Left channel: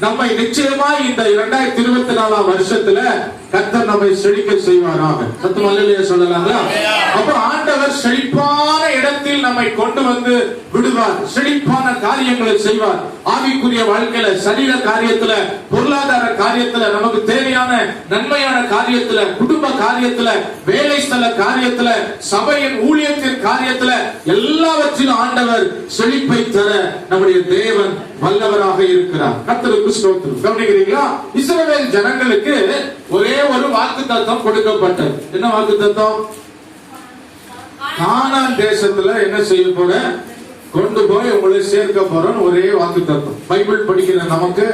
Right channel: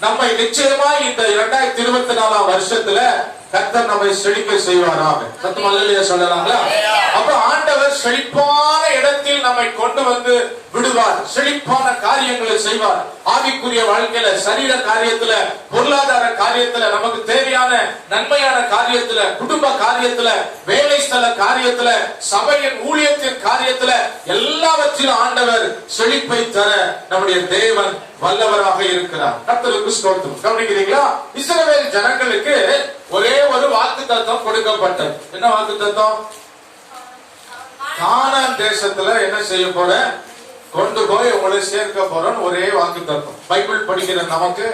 நம்மை நிச்சயமா இந்த இரண்டாயிரத்தி இருபத்தி நாலாம் வருஷத்துல கத்தர் நம்மை செழிக்க செய்வாராம் சத்தம் அல்லையா சொல்லலாங்களா? அப்ப கர்த்தர் செழிப்பான இடத்தில் நம்மை கொண்டு வந்து விடுவார். செழிப்பான காரியங்களை செய்வார். ஆவிக்குரிய வாழ்க்கையில சரீர காரியத்துல பொருளாதார காரியத்துல நமக்கு தேவையான நன்மையான காரியத்துல குடும்ப காரியத்துல வேலை ஸ்தல காரியத்துல சபையின் ஊழியத்தின் காரியத்துல எல்லாவற்றிலும் ஆண்டவர் செழிப்பை தர நம்முடைய தேவன் வல்லவராக இருக்கிறார். கர்த்தருக்கு ஸ்தோத்திரம். கவனிக்கிறீங்களா? இஸ்ரவேல் ஜனங்களுக்கு ஒரே ஒரு வாக்கு தத்துவம் கொடுக்கப்பட்டது. என்ன வாக்கு தத்துவம் கானான் தேசத்துல என்ன செய்ய போற? கொண்டு போய் உங்களை சேர்க்க போறோம் ஒரே வாக்கு தத்துவம் பைபிள் படிக்கிற நமக்கு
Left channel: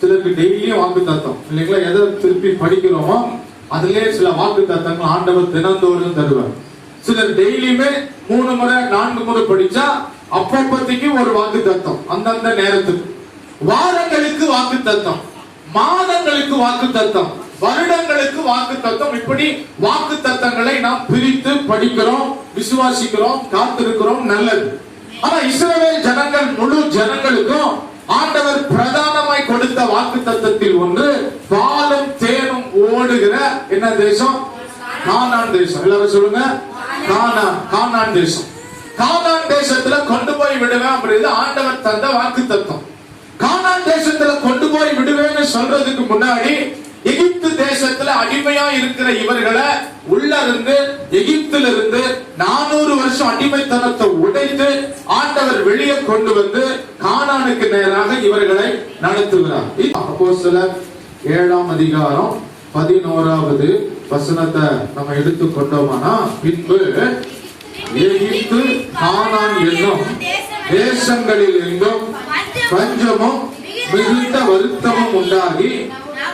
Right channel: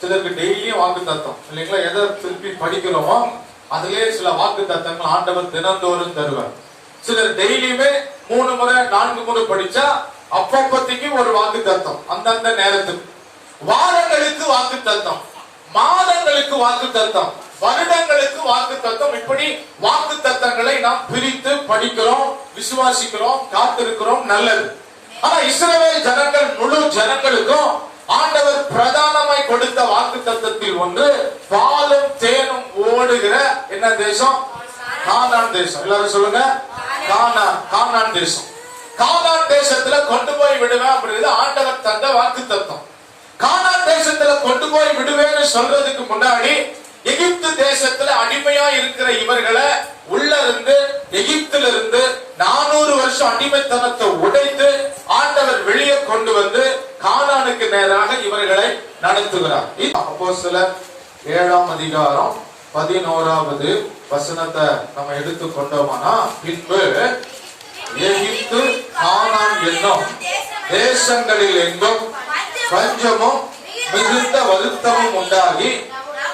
சிலருக்கு டெய்லியும் வாக்கு தத்துவம் இல்லைங்களா? எதை திருப்பி படிக்கிறோமோ அதுலயே சில வாக்கு தத்தங்கள் ஆண்டவர் தினந்தோறும் தருவார். சிலர் டெய்லியுமே மூணு முறை நான்கு முறை படிச்சா அப்பப்பத்திக்கு ஒரு வாக்கு தத்தம் அந்தந்த நேரத்துக்கு. வாரங்களுக்கு வாக்கு தத்தம் மாதங்களுக்கு வாக்கு தத்தம் வருடங்களுக்கு வாக்கு தத்தம் இப்படி வாக்கு தத்தங்களை நாம் பிரித்து படிக்கிறோம் விசுவாசிக்கிறோம் காத்திருக்கிறோம் நல்லது. ஆனா இஸ்ரவேல் ஜனங்கள் முழு ஜனங்களுக்கும் ஆண்டவர் பிரதானமாய் கொடுத்த வாக்கு தத்தத்தில் ஒன்று பாலும் தேனும் ஓடுகிற என்ன தேசம்? கானான் தேசம். எல்லாரும் சொல்லுங்க. கானான் கானான் தேசம். கானான் தேசத்துல கொண்டு போய் விடுவேன் அப்படிங்கிறது ஆண்டவர் தந்த வாக்கு தத்தம் கானான் தேசத்துல கொண்டு போய் விடுவேன்னு சொல்றதுக்கு முன்னாடி எகிப்து தேசத்துல அடிமையா இருக்கிற இவர்களை உள்ள இருந்து எகிப்துல இருந்து நானூறு வருஷம் அடிமைத்தனத்தை உடைத்து ஆண்டவர் வெளியே கொண்டு வந்து கானானுக்கு நேராக இவர்களை நடத்துகிறார். அப்போ சில ஏழாம் அதிகாரம் பதினோராவது வசனத்தை நம்ம எடுத்து கொண்டோமானா? பின்பு எகிப்து கானான் என்னும் தேசங்களில் எங்கும் பஞ்சமும் மிகுந்த வருத்தமும் உண்டாகி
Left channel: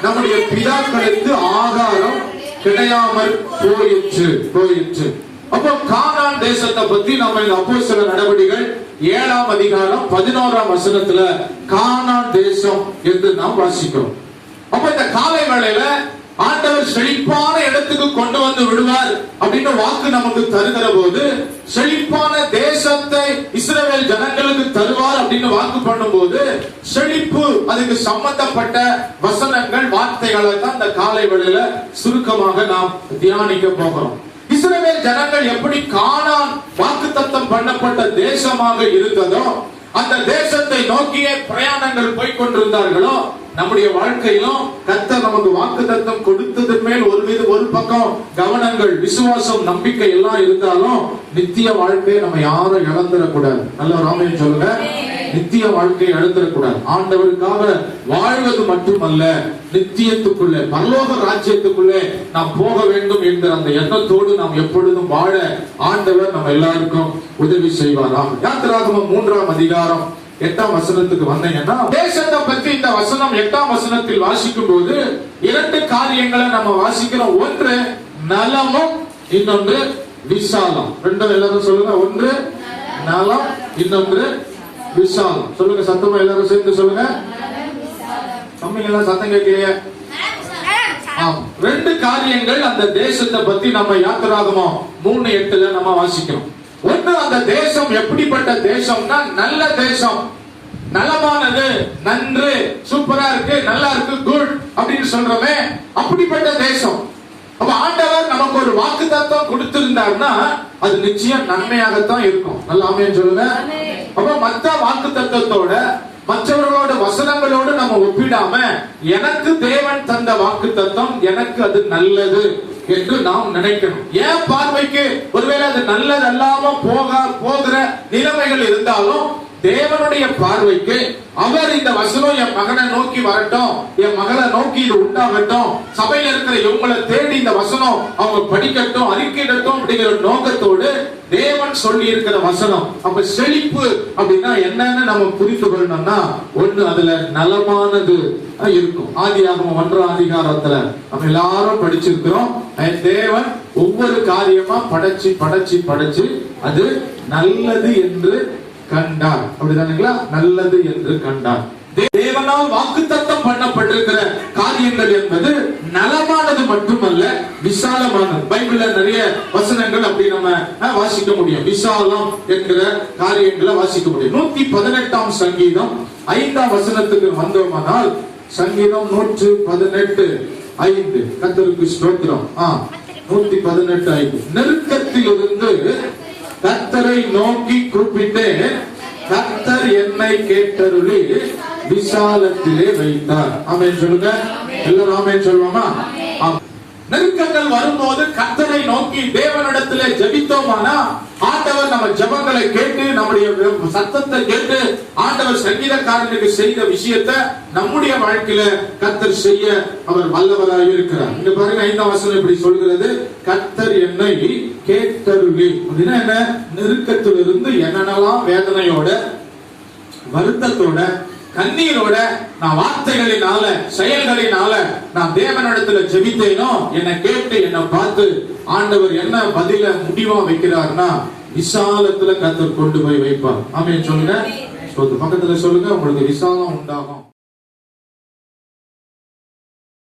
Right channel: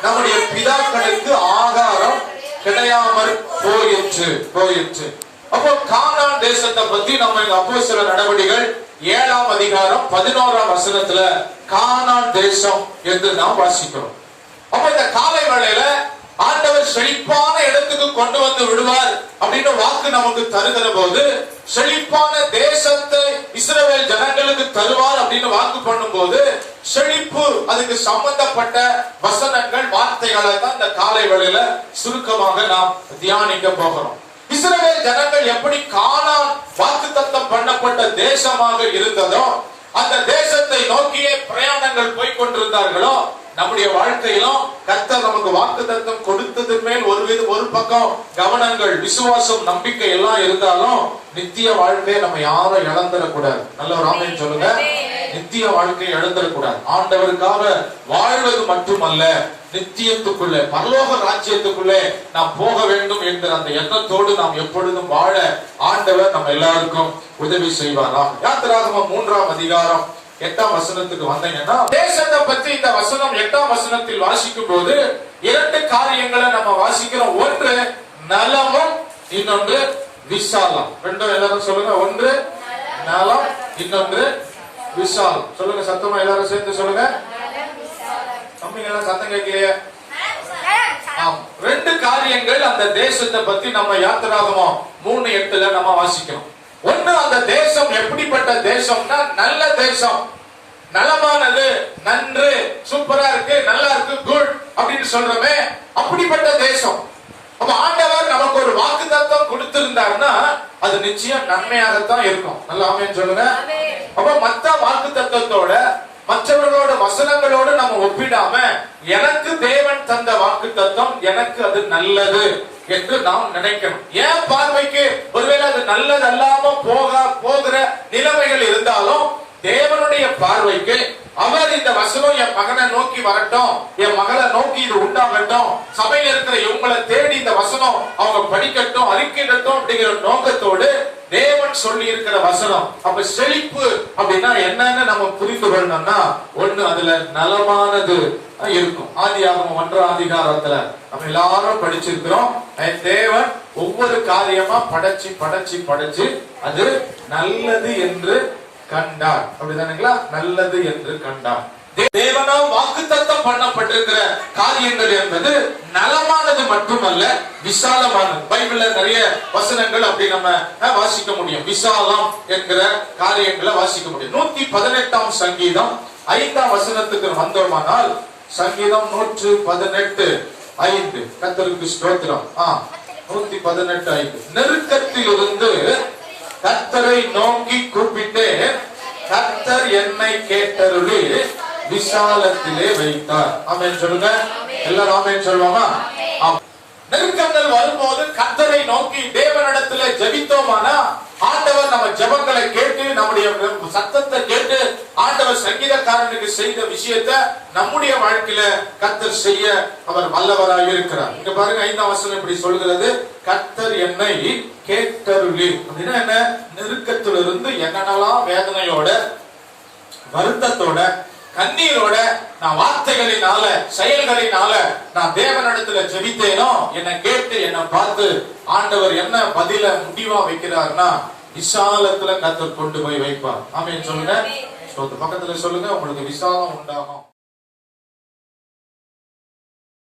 நம்முடைய பிதாக்களுக்கு ஆகாரம் கிடையாமல் போயிற்று போயிற்று. அப்போ கானான் தேசத்தை பத்தி நம்ம அப்போ சில நடவடிக்கைகள் ஏழாம் அதிகாரம் பதினோராம் வசனத்துல கானான் தேசம் என்று நாம் வாசிக்கிறோம். அப்ப இந்த காலை வேளையில ஆண்டவர் செழிப்பான இடத்துக்கு கொண்டு வந்து விடுவார் அப்படின்னு வாக்கு நமக்கு தருகிற போது செழிப்பான தேசத்தை இஸ்ரவேல் ஜனங்களுக்கு தருவார் அப்படின்னு வாக்கு பண்ணும்போது செழிப்பு அதுக்கு சம்பந்தப்பட்ட வசனங்கள் வார்த்தைகளை தான் இந்த காலை வேளையில சுருக்கமாக நாம் தியானிக்க போகிறோம். இஸ்ரேல் ஜனங்கள் எப்படி காணான் வாக்குத்தத்தம் பண்ணப்பட்ட தேசமாக இருந்ததோ அந்த தேசத்தை நோக்கியே பிரயாணங்கள் போய் கொண்டிருந்தார்களோ நம்முடைய வாழ்க்கையிலும் கர்த்தர் நமக்கு வாக்கு தத்தம் கொடுத்தது மேல் ஒரு வித ஒரு பக்கம் கவனங்கள் விசுவாசம் நம்பிக்கை எல்லாம் இருந்தாலும் நித்திய வாழ்க்கையை நம்ம யாரும் இழந்துடக்கூடாது. நல்ல ஒரு ஆமைன்னு சொல்லுங்க. நித்திய வாழ்க்கையை இழந்துடக்கூடாது. ஆண்டவருக்காக வாழ்வது மட்டுமல்ல நித்தியத்துக்குள்ளே பரலோக ராஜ்யத்துக்குள்ளே நாம் போக வேண்டும் என்கிற அந்த எண்ணத்தோடு நாம் எப்பொழுதும் வாழ ஆண்டவர் நம்ம எல்லாருக்கும் உதவி செய்வாராம். யாத்திராகமம் மூன்றாம் அதிகாரம். எட்டாம் வசனத்துக்கு வந்தீங்கன்னா தேசத்தை பத்தி இந்த வசனம் எட்டாம் வசனத்தில் வாசிக்கும் போது இரண்டு காரியங்களை நம்ம வாசிக்கிறோம். ஒன்று நலமும் இன்னொன்று விசாலம். ரெண்டும் எல்லாரும் சொல்லுங்க. ஒன்று நலம் இன்னொன்று விசாலம். சொல்லுங்க சத்தமா எல்லாரும் சேர்ந்து சொல்லுங்க. தம்பிங்க எல்லாம் சத்தம் கேட்கலையே. ஆம். ரெண்டு காரியங்கள் அந்த தேசத்தை பத்தி நம்ம யாத்திராகமோ மூணு எட்டுல நம்ம வாசிக்கிறோம். ஒண்ணு அந்த தேசம் எப்படிப்பட்ட தேசம்னா நல்ல தேசம். நலமானது நன்று சூப்பரா இருக்கு நல்லா இருக்கு குட் அப்படின்னு சொல்றோமே அப்படிப்பட்ட தேசம். அப்ப ஆண்டவர் நமக்கு ஒரு வாக்கு தத்துவம் கொடுத்திருந்தாருன்னா அது நிச்சயம் நன்மையாகத்தான் இருக்கும். நல்லா ஆமேன்னு சொல்லுங்க. அப்ப மத்த வாக்கு தத்துவத்தோட மற்றவர்களோட வசனங்களோடு நம்ம ஒப்பிடாம எனக்கு தேவன் தந்த வாக்கு தத்துவம் எனக்கு அது நல்லது. என்று நாம் நினைக்கணும். ஏன் பார்வைக்கு ஒருவேளை அது நல்லது அல்லாம போக போகிற நிலைமைகள் இருந்தாலும் தேவனுடைய பார்வைக்கு அவர் இந்த வசனம் என் மகனை நோக்கி வரட்டும். என் மகளை நோக்கி இது உண்டாகட்டும். சபையில இருக்கிற இவங்களை தேடி இந்த வசனம் அவங்க படிக்கட்டும் அறிக்கையிடட்டும் அப்படிங்கிற நோக்கத்தோடு தேவன் சொல்லி இருக்கிற வசனம். அப்ப செழிப்பு அப்படின்னா என்னன்னு நம்ம புரிந்து கொள்ளணும்னா ஒண்ணு அதுல நலமானது இருக்கும். ஆதி ஆகம ஒன்றாம் அதிகாரத்துல நம்ம எல்லாரும் படிச்சிருக்கிறோம். தேவன் ஒவ்வொரு காரியமா படைச்சு படைச்சு படைச்சு அது நல்லது என்று கண்டார் அப்படிதானுங்களா நல்லது என்று கண்டார் தேவனால் வாக்கு வாக்குத்தத்தம் பண்ணப்பட்டிருக்கிற காரியங்கள் என்பது நலமானது மட்டுமல்ல விசாலமானது. பைபிள்ல நிறைய வசனங்கள் அப்படி நம்ம அஹ், வாசிக்க முடியும். விசாலம் என்கிற காரியங்களை வாசிக்க முடியும். நூத்தி பதினெட்டாம் சங்கீதம் ஐந்தாம் வசனத்துக்கு வந்தோமானால் சங்கீதம் நூற்று பதினெட்டு ஐந்து. கத்தருக்கு ஸ்தோத்திரம். ஆ நூத்தி பதினெட்டு ஐந்து. நெருக்கத்தில் இருந்து கத்தரை நோக்கி கூப்பிட்டேன் கத்தர் என்னை கேட்டருளி விசாலத்திலே வைத்தார். ஆமேன் சொல்லுங்க. எல்லாரும் ஆமேன் சொல்லுவாமா நெருக்கங்கள் வரும்போது கத்தரை நோக்கி தேவனிடத்துல ஜெபித்தோமானா? ஆண்டவர் நம்ம ஜெபங்களை கேட்டு நம்முடைய சத்தத்தை கேட்டு ஆண்டவர் சங்கீதக்காரனுக்கு செய்த விஷயத்தை நம்முடைய வாழ்க்கையில கத்தர் செய்ய அவர் வல்லவராக இருக்கிறார். இங்க பாருங்க ஐந்தாம் வசனம் இப்படி சொல்கிறது. கத்தர் என்னை கேட்டருளி. அப்படின்னா என்ன? நெருக்கத்திலிருந்து என்னென்னலாம் வேதனையோட வருத்தத்தோட கண்ணீரோட நான் வார்த்தைகளினால செயல்களினால நான் தேவனிடத்துல ஜெபித்தேனோ? என்னை கேட்டு என்னை பார்த்து ஆண்டவர் என்ன பதில முடிவா வைக்கிறார்னா விசாலத்துல கத்தர் கொண்டு போய் வைப்பார். ஆமென் சொல்லுங்க. பக்கத்துல சொல்லுங்க. உங்களுக்கு விசாலம் உண்டாகும்.